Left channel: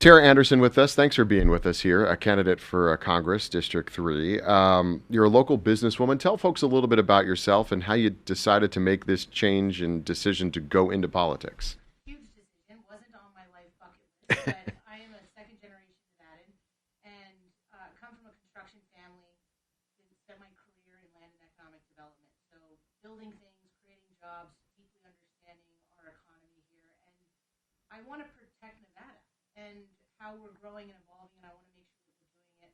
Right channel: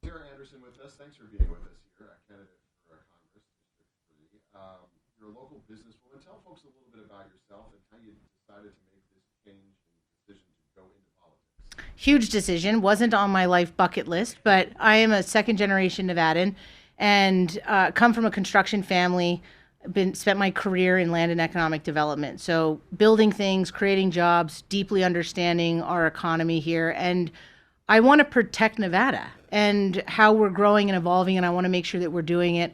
Tera Anderson with us. Thanks for being with us here, a candidate for Congress, District 3. You're a local businesswoman. Tell folks a little bit about yourself and how you decided to make this change and decision to go into politics. Huge decision. Wasn't on my life bucket list, but I am a second generation Nevadan and come from a construction family. Spent my career in land and economic development. So building things, creating jobs, deeply understanding our economy here. And I want to protect Nevada and how we're growing and evolving. And I want to make sure that we're doing it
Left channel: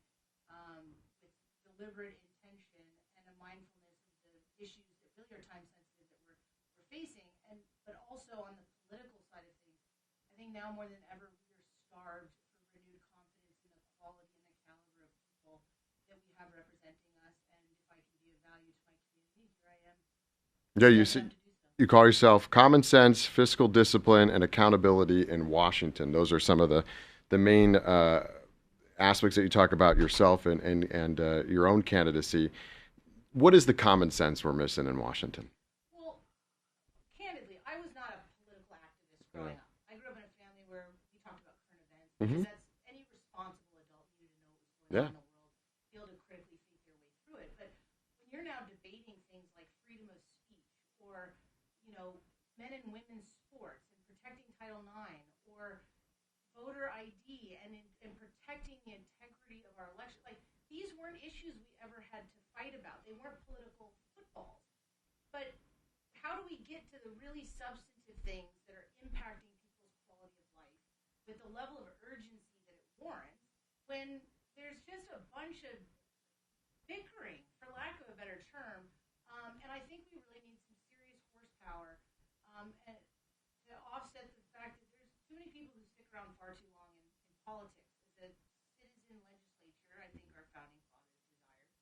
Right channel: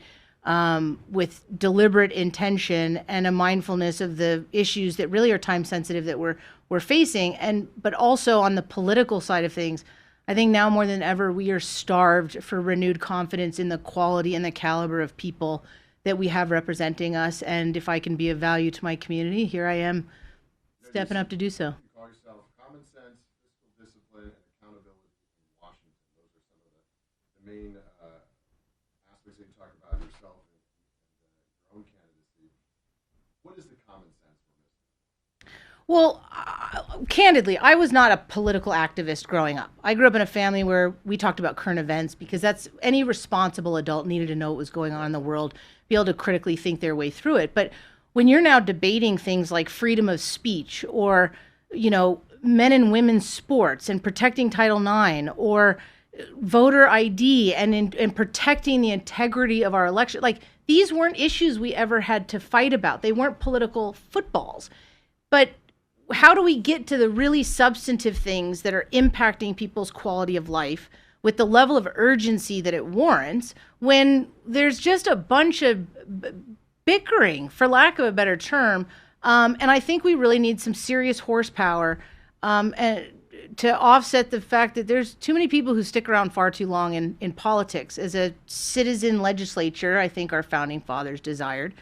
with deliberate intention and a mindfulness of the issues that really are time sensitive that we're facing. But also on the political side of things, I think now more than ever, we are starved for renewed confidence in the quality and the caliber of people that we have representing us. And if I can be of value to my community, here I am stepping up to do so. You call yourself common sense, fiscal discipline, and accountability in Washington. Those are some of the main aspects that you talk about yourself and your own candidacy. What is the common sense we're missing in Washington? Well, candidly, I was not a political activist growing up. I grew up in a family where we talked about current events because that's any responsible adult needed to know what was going on in the world, be able to critically think their way through it. But when you're now debating things like freedom of speech or, men and women's sports and protecting Title IX or voter ID and protecting the integrity of our election, like these weren't issues we ever had to fight about. They weren't political footballs. But how do we get to the really substantive things that are impacting people's quality of life with the level of urgency that it warrants when there's just a bunch of bickering, for lack of a better term? And I think we really need some serious horsepower to offset the fact that there's too many people who stick around far too long in politics. As a citizen legislature, I think our founding fathers desired.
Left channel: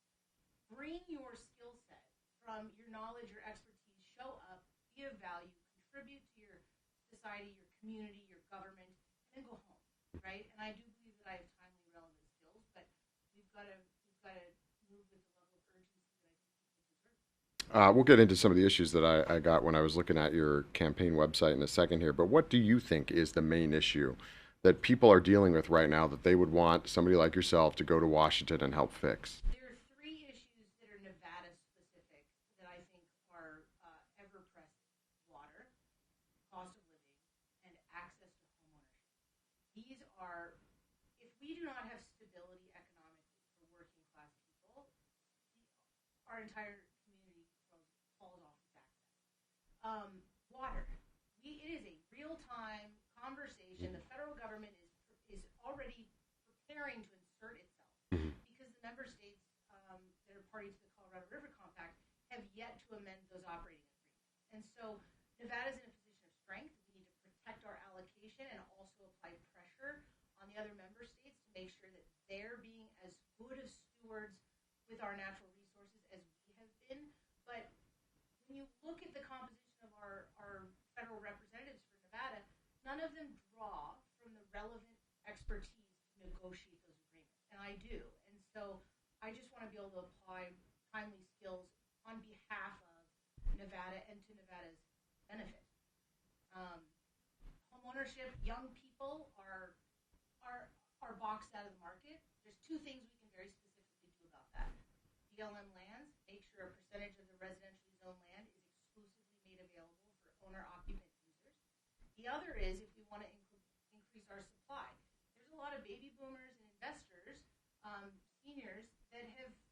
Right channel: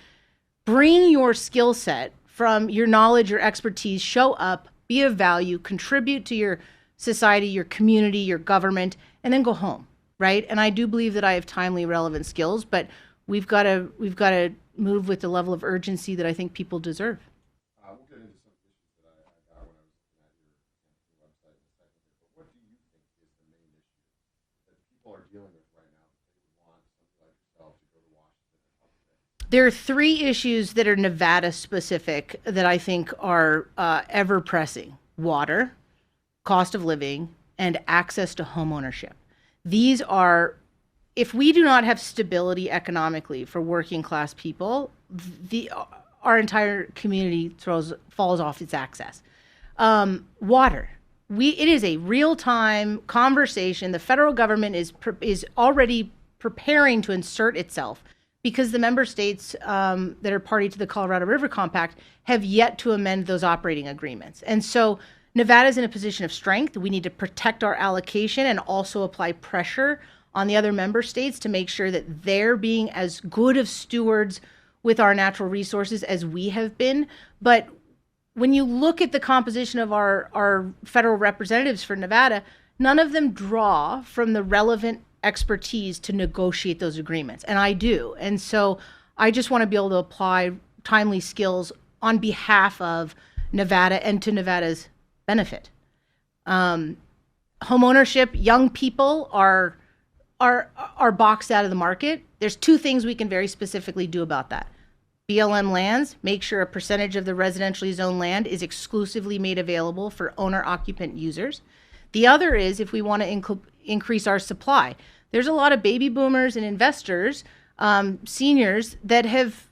Bring your skill set from your knowledge, your expertise, show up, be of value, contribute to your society, your community, your government, and then go home, right? And I do believe that I have timely, relevant skills, but we've got to move with the level of urgency that I think people deserve. We'll get into some of the issues that I got when I was looking at your campaign website in a second here, but what do you think is the main issue that people are dealing with right now that they would want somebody like yourself to go to Washington and help fix? There are three issues that are Nevada specific that I think are ever pressing: water, cost of living, and access to home ownership. These are, if we do not have stability economically for working class people, our entire community falls off its axis. Water. It is a real-time conversation. The federal government is already preparing to insert itself because the member states that are party to the Colorado River Compact have yet to amend those operating agreements. And so Nevada's in a position of strength. We need to protect our allocation and also apply pressure on the other member states to make sure that they're being as good of stewards with our natural resources as we have been. But when you look at the composition of our federal representatives for Nevada, none of them draw from the relevant expertise to negotiate those agreements. And I do. And so I just want to be able to apply timely skills on behalf of Nevada and to Nevada's benefit. Home ownership, young people are boxed out of the market. There's two things we can very specifically do about that. BLM lands, make sure a percentage of the residentially zoned land is exclusively made available for owner-occupant users. The other is if we want to increase our supply. There's a lot of baby boomers and investors, seniors, that have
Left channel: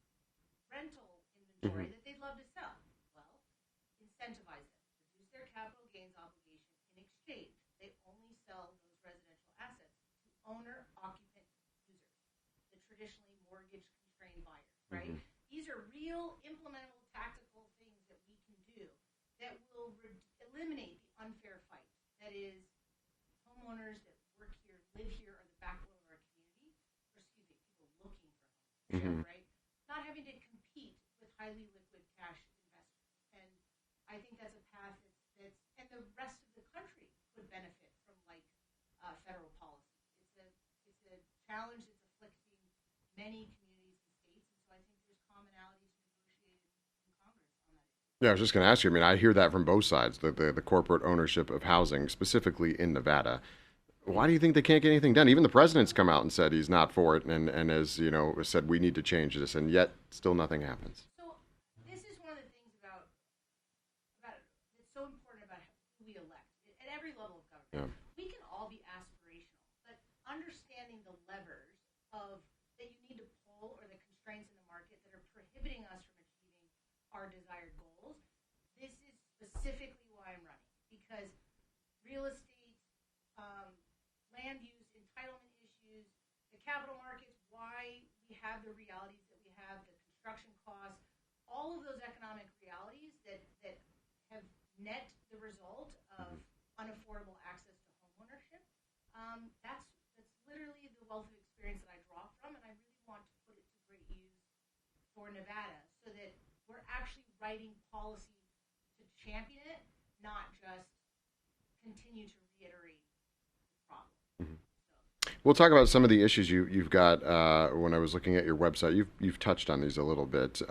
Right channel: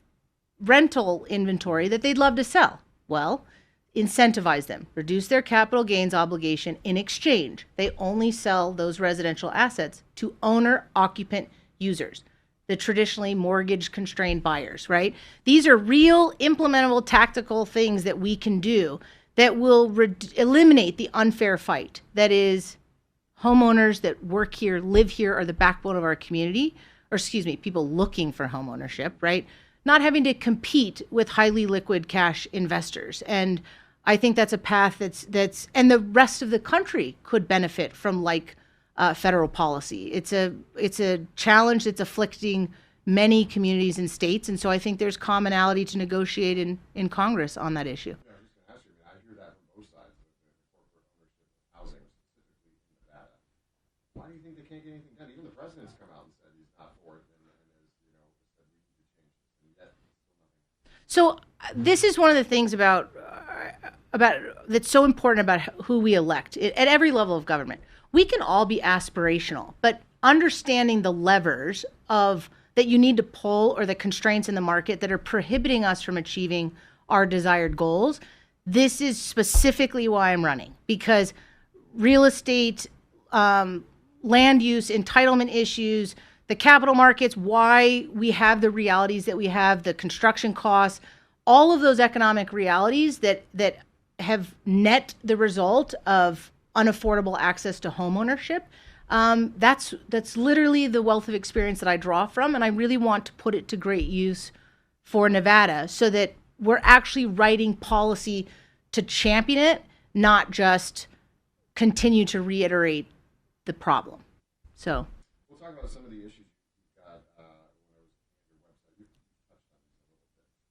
rental inventory that they'd love to sell. Well, incentivize them, reduce their capital gains obligation. In exchange, they only sell those residential assets to owner-occupant users, the traditionally mortgage-constrained buyers, right? These are real, implementable, tactical things that we can do that will eliminate the unfair fight. That is, homeowners that work here, live here, are the backbone of our community, or people looking for home ownership, right? Not having to compete with highly liquid cash investors. And I think that's a path that's and the rest of the country could benefit from federal policy. It's a challenge that's afflicting many communities and states, and so I think there's commonality to negotiate in Congress on that issue. Yeah, I was just going to ask you. I mean, I hear that from both sides, the corporate ownership of housing, specifically in Nevada. Why do you think they can't get anything done? Even the president's come out and said he's not for it, and has said we need to change this, and yet still nothing happens. So this is one of the things about that's so important about who we elect at every level of government. Yeah. We can all be aspirational, but understanding the levers of that you need to pull or the constraints in the market that are prohibiting us from achieving our desired goals. This is specifically why I'm running, because real estate, land use, entitlement issues, the capital markets, why we have the realities that we have, the construction costs, all of those economic realities that have net the result of unaffordable access to homeownership. That's literally the wealth of experience that I draw from, and I really want to put it to great use for Nevada so that we're actually writing policy to champion it, not just continue to reiterate the problem. Mm-hmm. So we'll talk about some of the issues you've got. When I was looking at your website, you've touched on these a little bit.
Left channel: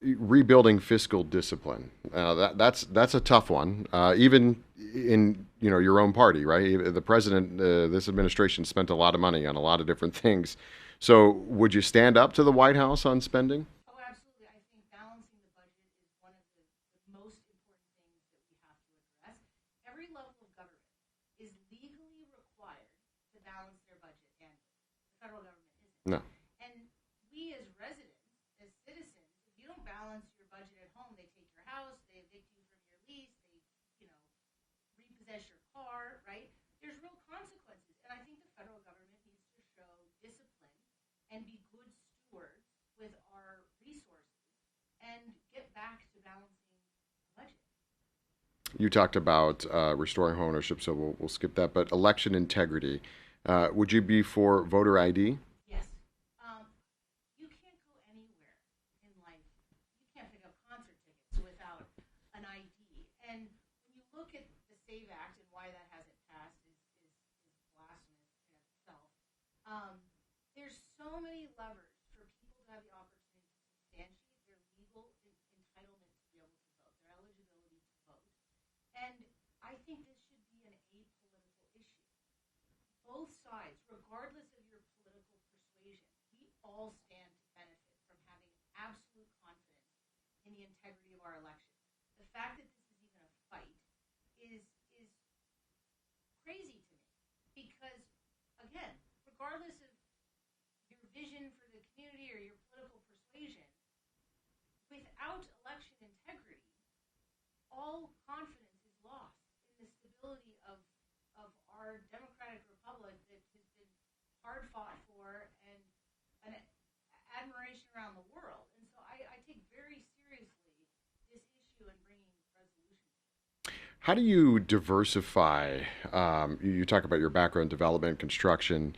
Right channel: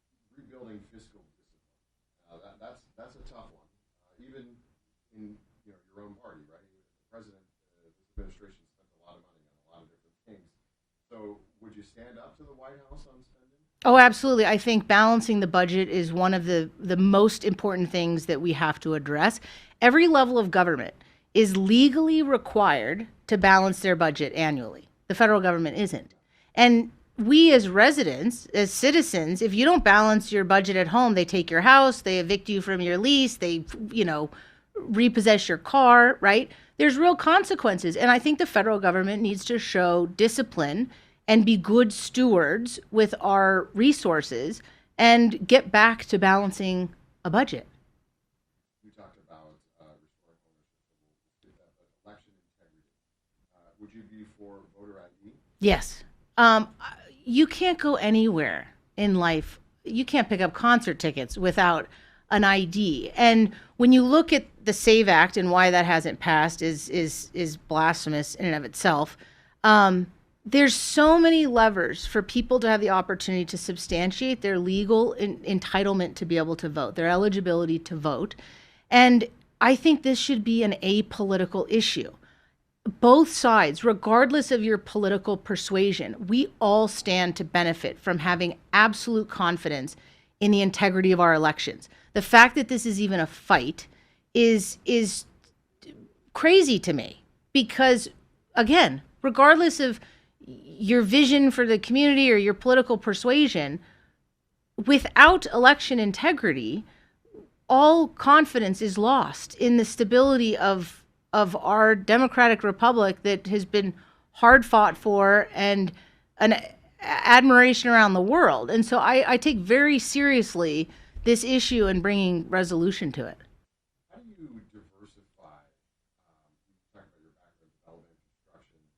Rebuilding fiscal discipline. That's a tough one. Even in your own party, right? The president, this administration spent a lot of money on a lot of different things. So would you stand up to the White House on spending? Oh, absolutely. I think balancing the budget is one of the most important things that we have to address. Every level of government is legally required to balance their budget annually. The federal government isn't. No. And we as residents, as citizens, if you don't balance your budget at home, they take your house, they evict you from your lease, they, repossess your car, right? There's real consequences. And I think the federal government needs to show discipline and be good stewards with our resources and get back to balancing a budget. You talked about restoring home ownership, so we'll skip that. But election integrity, would you be for voter ID? Yes. You can't go anywhere in life. You can't pick up concert tickets without an ID. And when you look at the SAVE Act and why that hasn't passed is blasphemous in and of itself. There's so many levers for people to have the opportunity to substantiate their legal entitlement to be able to vote, their eligibility to vote. And I think this should be an apolitical issue. Both sides, regardless of your political persuasion, we all stand to benefit from having absolute confidence in the integrity of our elections. The fact that this is even a fight is crazy to me because, again, regardless of your vision for the community or your political persuasion, without election integrity, all confidence is lost in the stability of our democratic republic that has been hard fought for and an admiration around the world. And so I take very seriously this issue and bringing resolution to it. How do you diversify? You talk about your background, development, construction.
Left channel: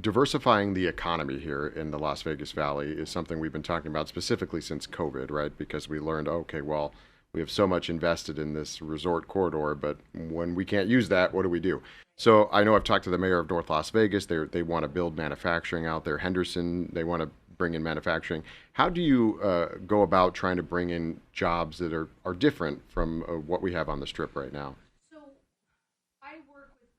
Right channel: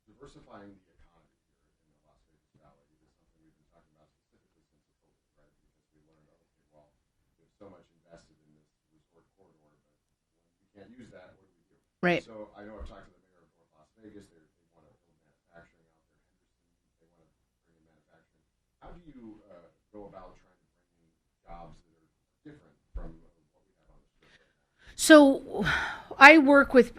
Diversifying the economy here in the Las Vegas Valley is something we've been talking about specifically since COVID, right? Because we learned, okay, well, we have so much invested in this resort corridor, but when we can't use that, what do we do? Right. So I know I've talked to the mayor of North Las Vegas. They want to build manufacturing out there. Henderson, they want to bring in manufacturing. How do you go about trying to bring in jobs that are different from what we have on the Strip right now? So I work with,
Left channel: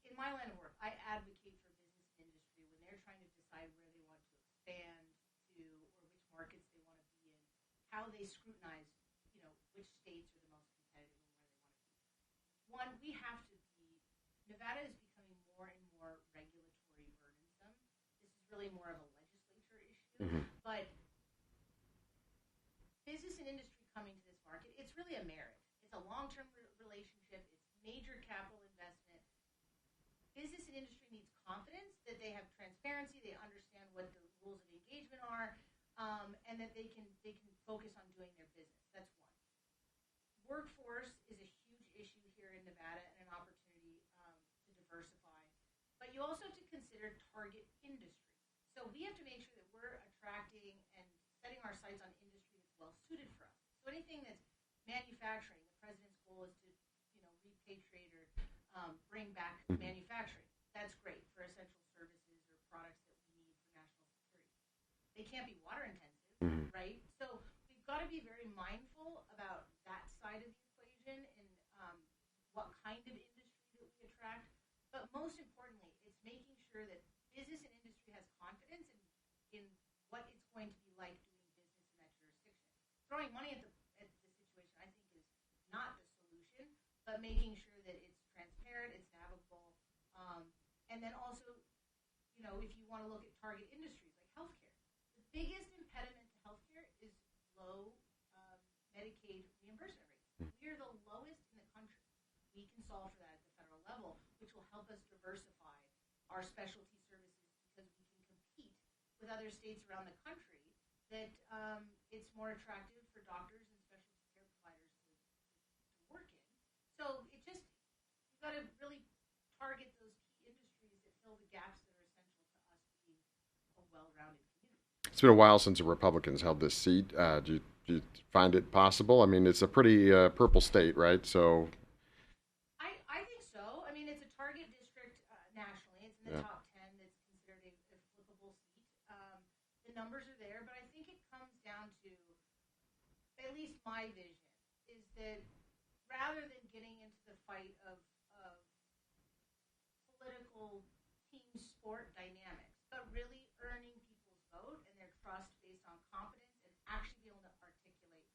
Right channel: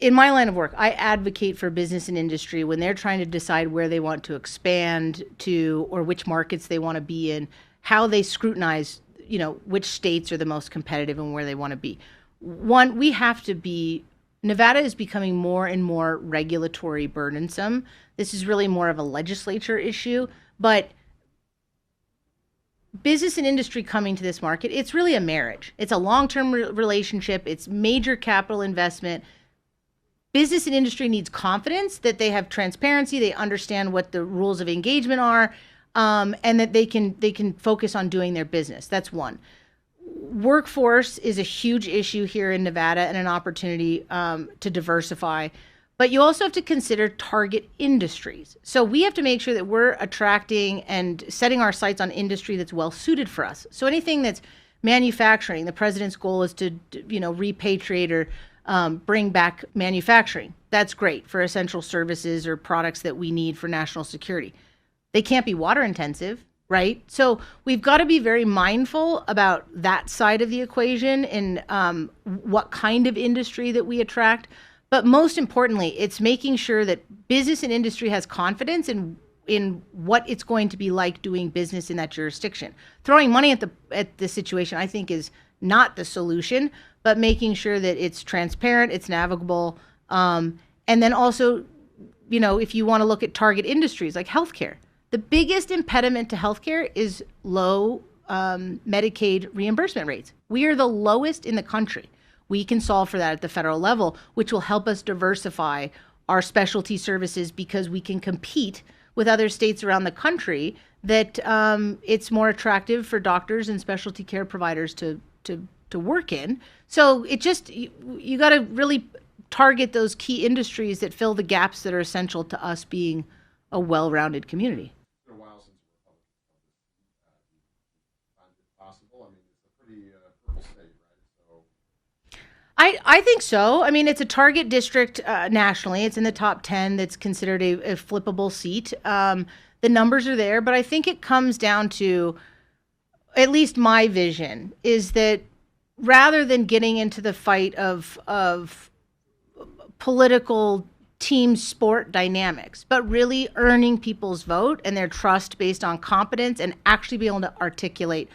in my line of work, I advocate for business and industry when they're trying to decide where they want to expand to or which markets they want to be in, how they scrutinize, which states are the most competitive and where they want to be. One, we have to be, Nevada is becoming more and more regulatory burdensome. This is really more of a legislature issue, but business and industry coming to this market, it's really a marriage. It's a long-term relationship. It's major capital investment. Business and industry needs confidence that they have transparency, they understand what the rules of engagement are, and that they can focus on doing their business. That's one. Workforce is a huge issue here in Nevada and an opportunity to diversify. But you also have to consider target industries. So we have to make sure that we're attracting and setting our sights on industry that's well suited for us. So anything that's manufacturing, the president's goal is to repatriate or bring back manufacturing. That's great for essential services or products that we need for national security. They can't be water intensive, right? So we've got to be very mindful about that side of the equation and what kind of industry that we attract. But most importantly, it's making sure that business and industry has confidence in what it's going to be like doing business in that jurisdiction. Throwing money at the situation, I think, is not the solution, but making sure that it's transparent, it's navigable, and then also, if you want to look at target industries like healthcare, the biggest impediment to healthcare is low Medicaid reimbursement rates. We are the lowest in the country. We can solve for that at the federal level, which will help us diversify our specialty services because we can compete with other states around the country that it's more attractive for doctors and specialty care providers to work in. So it just, you got to really target those key industries that fill the gaps that are essential to us being a well-rounded community. It's been a while since the Republicans held this seat. Do you find it possible? I mean, it's a pretty purple state, right? So I think so. I mean, it's a target district nationally. It's in the top 10 that's considered a flippable seat. The numbers are there, but I think it comes down to, at least my vision, is that rather than getting into the fight of political team sport dynamics, but really earning people's vote and their trust based on competence and actually be able to articulate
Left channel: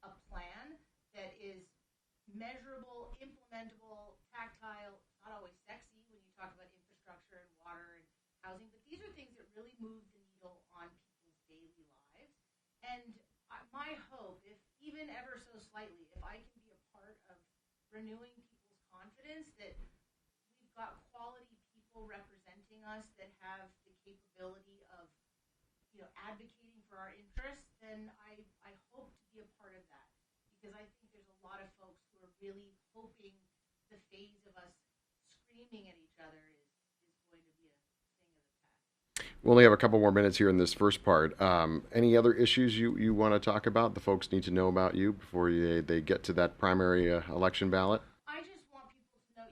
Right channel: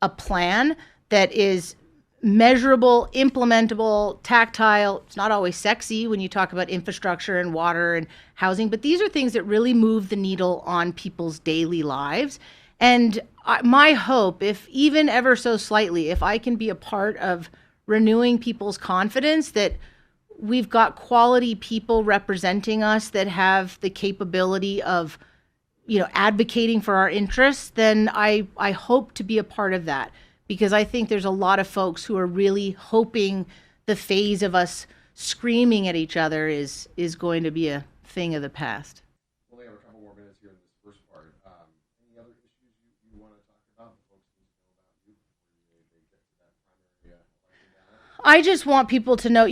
a plan that is measurable, implementable, tactile. It's not always sexy when you talk about infrastructure and water and housing, but these are things that really move the needle on people's daily lives. And my hope, if even ever so slightly, if I can be a part of renewing people's confidence that we've got quality people representing us that have the capability of, advocating for our interests, then I hope to be a part of that, because I think there's a lot of folks who are really hoping the phase of us screaming at each other is going to be a thing of the past. we only have a couple more minutes here in this first part. Any other issues you want to talk about, the folks need to know about you before they get to that primary election ballot? I just want people to know,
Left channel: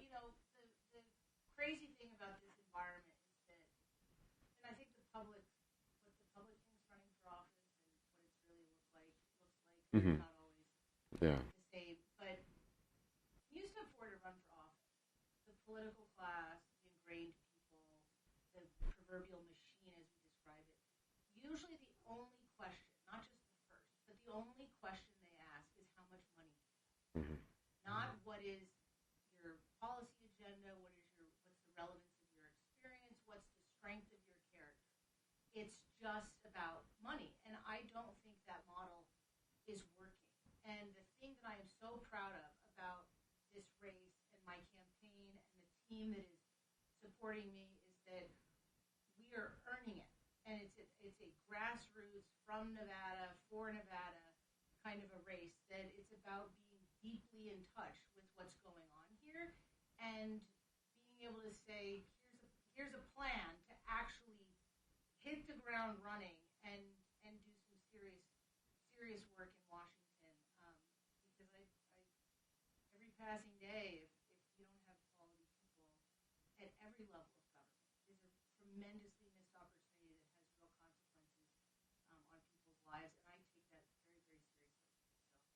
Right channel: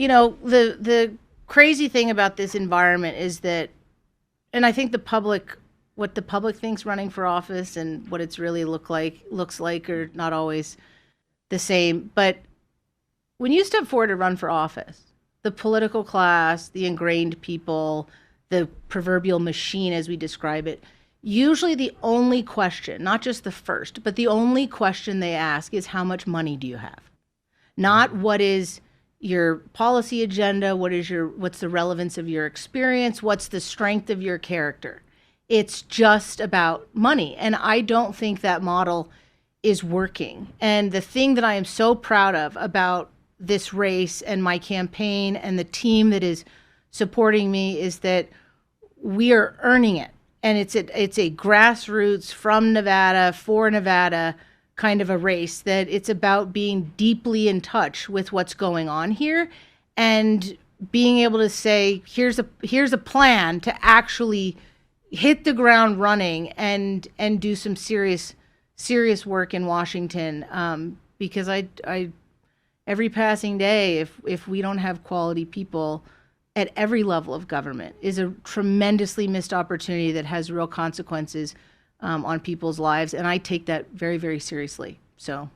the crazy thing about this environment is that, and I think what the public thinks running for office and what it's really looks like are not always the same. But when you step forward to run for office, the political class, the ingrained people, the proverbial machine as we describe it, usually the only question, not just the first, but the only question they ask is, how much money do you have? Not what is your policy agenda, what's the relevance of your experience, what's the strength of your character. It's just about money. And I don't think that model is working. And the thing that I am so proud of about this race and my campaign and the team that is supporting me is that we are earning it. And it's a grassroots from Nevada for Nevada kind of a race, that it's about being deeply in touch with what's going on here and being able to say, here's a plan to actually hit the ground running and do some serious work in Washington. Because I every passing day, if we don't have quality people at every level of government, is a tremendously missed opportunity that has real consequences on people's lives. And I take that very, very seriously. So.